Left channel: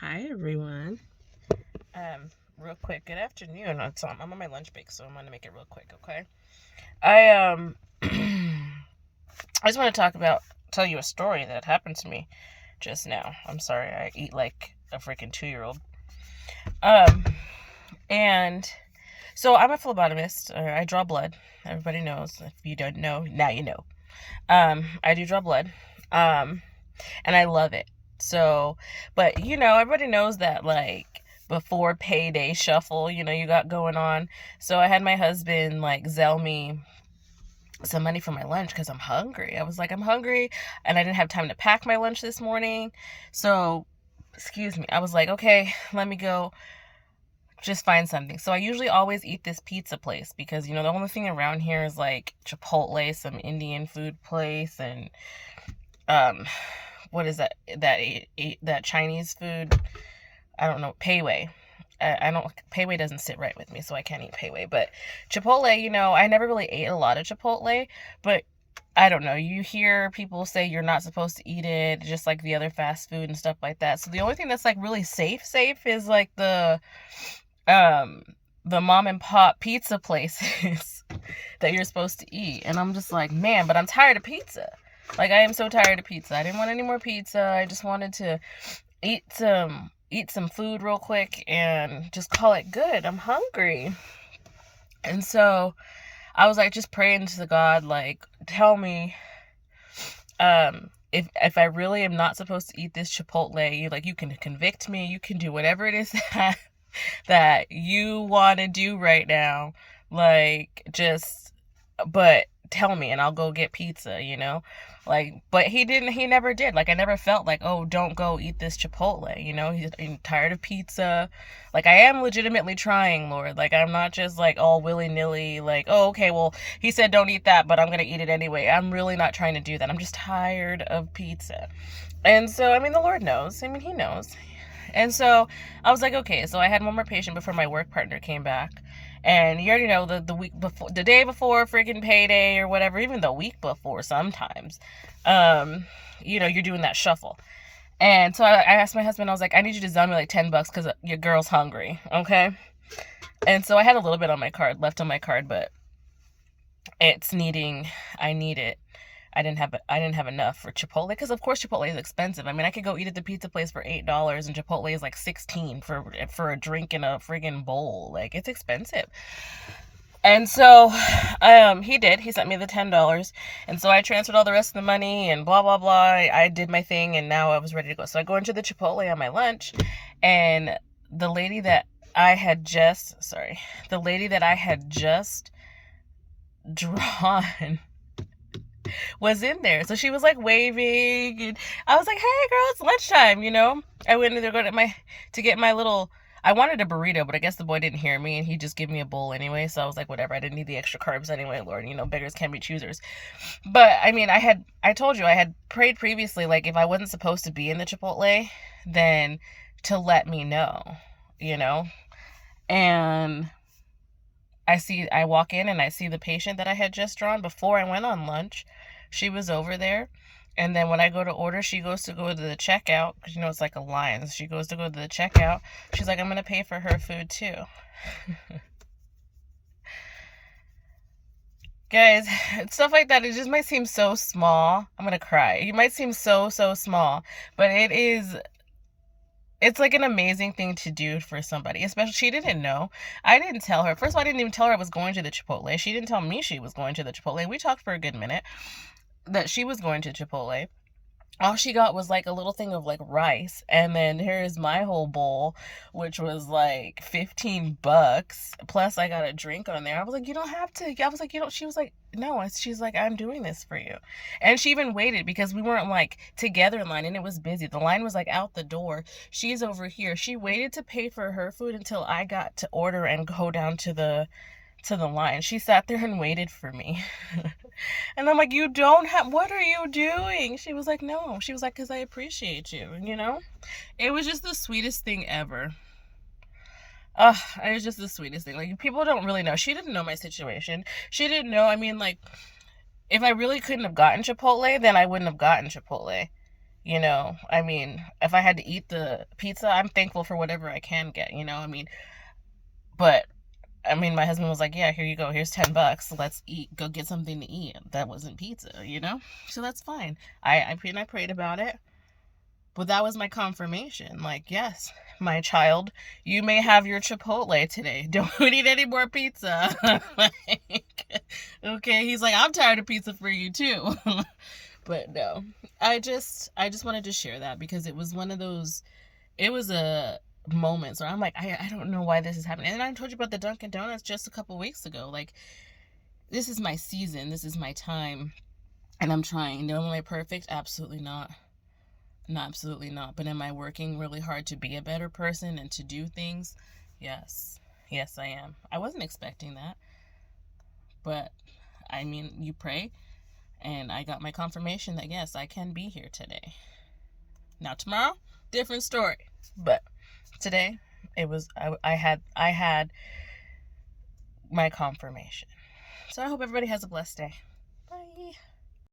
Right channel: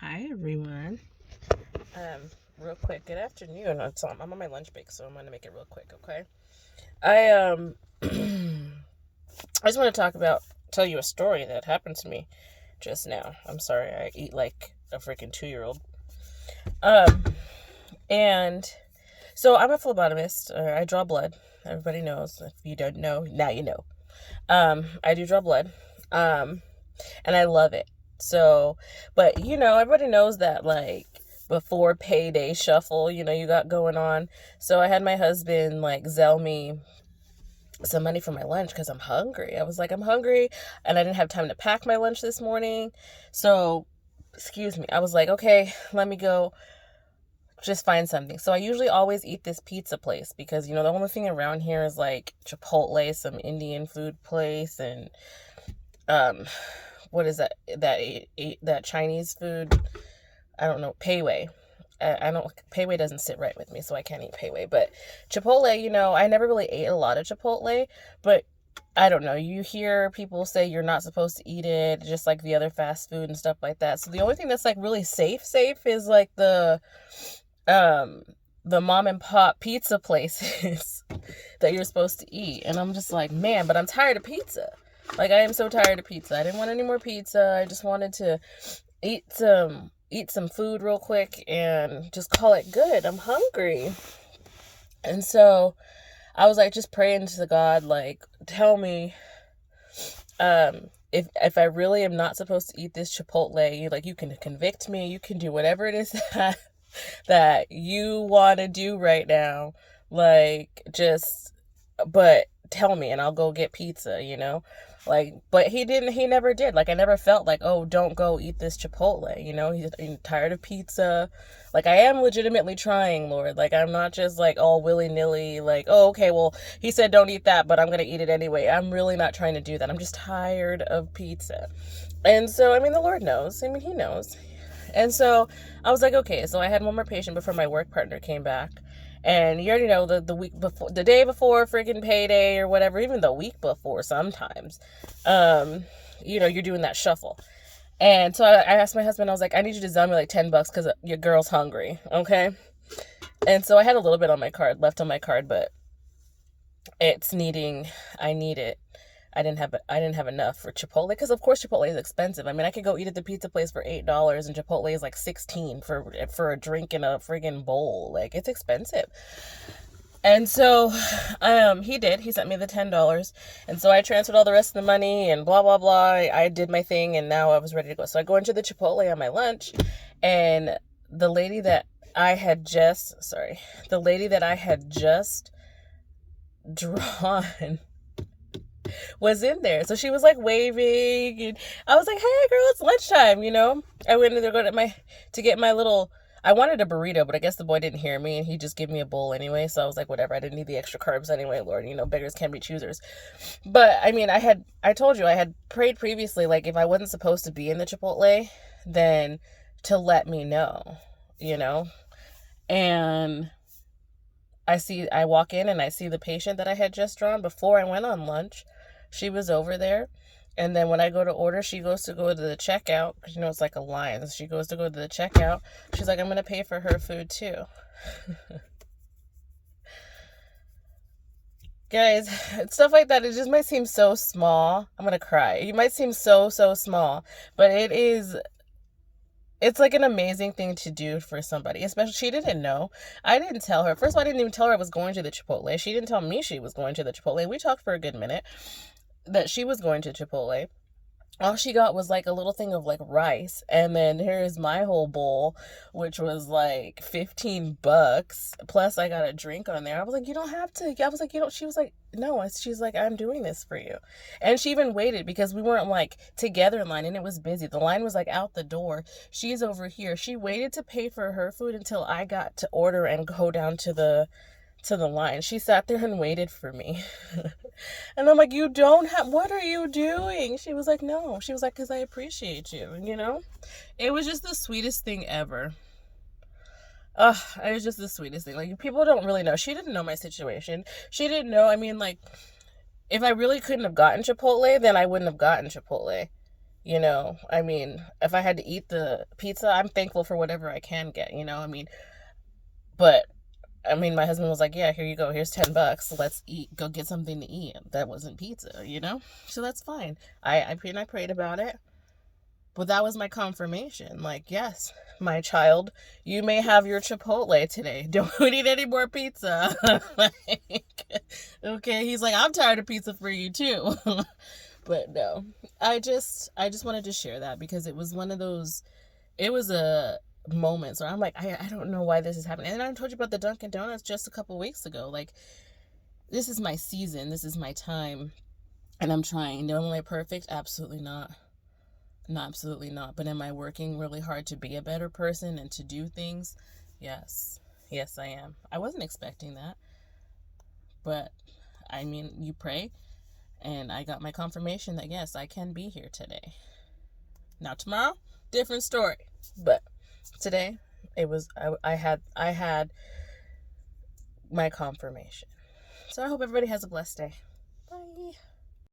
Hi everyone. Real quick, good afternoon. I'm on my lunch break, so I'm gonna make it real quick, okay? I just want to tell you a story that happened to me just now. I'm sorry, I eat like a freaking 2-year-old. Um, and so I'm a phlebotomist. I draw blood. Everybody knows. If you don't know, now you know. I do draw blood. Um, and I love it. So, but everybody knows that like before payday shuffle, you got going on. So I had my husband like Zelle me some money for my lunch because I'm hungry. I was like, I'm hungry, and I didn't have time to pack my lunch this morning. So, excuse me. I was like, okay, let me go just find something. So I usually always eat this pizza place because the only thing around here is like Chipotle, some Indian food place, and um what is that Chinese food? I don't know, Pei Wei. I don't Pei Wei doesn't sit right with me, so I can't eat Pei Wei. But Chipotle, I never really ate a lot of Chipotle, but I don't know. You hear people say you're not supposed to eat it, just like the other fast food and stuff like that. So the only thing that's like really safe is like um the mom and pop pizza places that you're supposed to eat. And I'm just like, man, but I'm tired of pizza. Like I am so tired of pizza. I didn't want any more pizza. I just wanted to eat some food real quick and just call it good. I'm hungry. And so I was like just praying to God, like, tell me if I really am not supposed to eat this Chipotle, you can convict me, you can do whatever it is that you want to do right now. Like, just, but tell me and I'll go get pizza. Like, but he never did. Like, I never felt like, oh, don't go eat this Chipotle. He's tired of pizza. Like, I am legitimately trying, Lord. Like, I'm not just like all willy-nilly, like, oh, okay, well, he said don't eat that, but I'm gonna eat it anyway. I'm really not trying to do that. I'm just tired of pizza. And so, I mean, the Lord knows. I mean, he knows. And so I was like, okay. So I had one more patient before my work partner came back. And you already know the week before, the day before freaking payday or whatever, even the week before sometimes, you're doing that shuffle. And so I asked my husband, I was like, I need you to sell me like $10 because your girl's hungry. Okay. And so I had a little bit on my card, left on my card, but I need it. I didn't have enough for Chipotle because of course Chipotle is expensive. I mean, I could go eat at the pizza place for $8 and Chipotle is like 16 for a drink in a friggin' bowl. Like, it's expensive. And so he did. He sent me the $10. And so I transferred all the rest of the money and blah blah blah. I did my thing and now I was ready to go. So I go into the Chipotle on my lunch, and the lady that I had just sorry, the lady that I had just drawn was in there. So she was like waving, and I was like, "Hey girl, it's lunchtime." I went in there to get my little, I wanted a burrito, but I guess the boy didn't hear me and he just gave me a bowl anyway. So I was like, whatever. I didn't need the extra carbs anyway, Lord. Beggars can't be choosers. But I mean, I told you I had prayed previously, like if I wasn't supposed to be in the Chipotle, then to let me know, you know? And I walk in and I see the patient that I had just drawn before I went on lunch. She was over there. And then when I go to order, she goes to go to the checkout because it's like a line. So she goes to go to the checkout. She's like, I'm going to pay for her food too. Guys, stuff like that, it just might seem so small. I'm going to cry. It might seem so, so small, but it's like an amazing thing to do for somebody, especially she didn't know. I didn't tell her. First of all, I didn't even tell her I was going to the Chipotle. She didn't tell me she was going to the Chipotle. We talked for a good minute that she was going to Chipotle. All she got was like a little thing of like rice, and then here's my whole bowl, which was like $15 plus I got a drink on there. I was like, you don't have to. I was like, you don't. She was like, no. She's like, I'm doing this for you. And she even waited because we weren't like together in line and it was busy. The line was like out the door. She's over here. She waited to pay for her food until I got to order and go down to the line. She sat there and waited for me. And I'm like, you don't have, what are you doing? She was like, no. She was like, because I appreciate you. It was just the sweetest thing ever. It was just the sweetest thing. Like, people don't really know. She didn't know my situation. She didn't know. I mean, like, if I really couldn't have gotten Chipotle, then I wouldn't have gotten Chipotle. You know, I mean, if I had to eat the pizza, I'm thankful for whatever I can get, you know, I mean, but I mean, my husband was like, yeah, here you go. Here's $10. Let's eat. Go get something to eat. That wasn't pizza, you know? So that's fine. I prayed about it. But that was my confirmation. Like, yes, my child, you may have your Chipotle today. Don't eat any more pizza. Like, okay. He's like, I'm tired of pizza for you too. But no, I just wanted to share that because it was one of those, it was a moment. So I'm like, I don't know why this is happening. And I told you about the Dunkin' Donuts just a couple weeks ago. Like, this is my season. This is my time. And I'm trying. Am I perfect? Absolutely not. No, absolutely not. But am I working really hard to be a better person and to do things? Yes. Yes, I am. I wasn't expecting that. But, I mean, you pray. And I got my confirmation that, yes, I can be here today. Now, tomorrow, different story. But today, it was, I had my confirmation. So I hope everybody has a blessed day. Bye.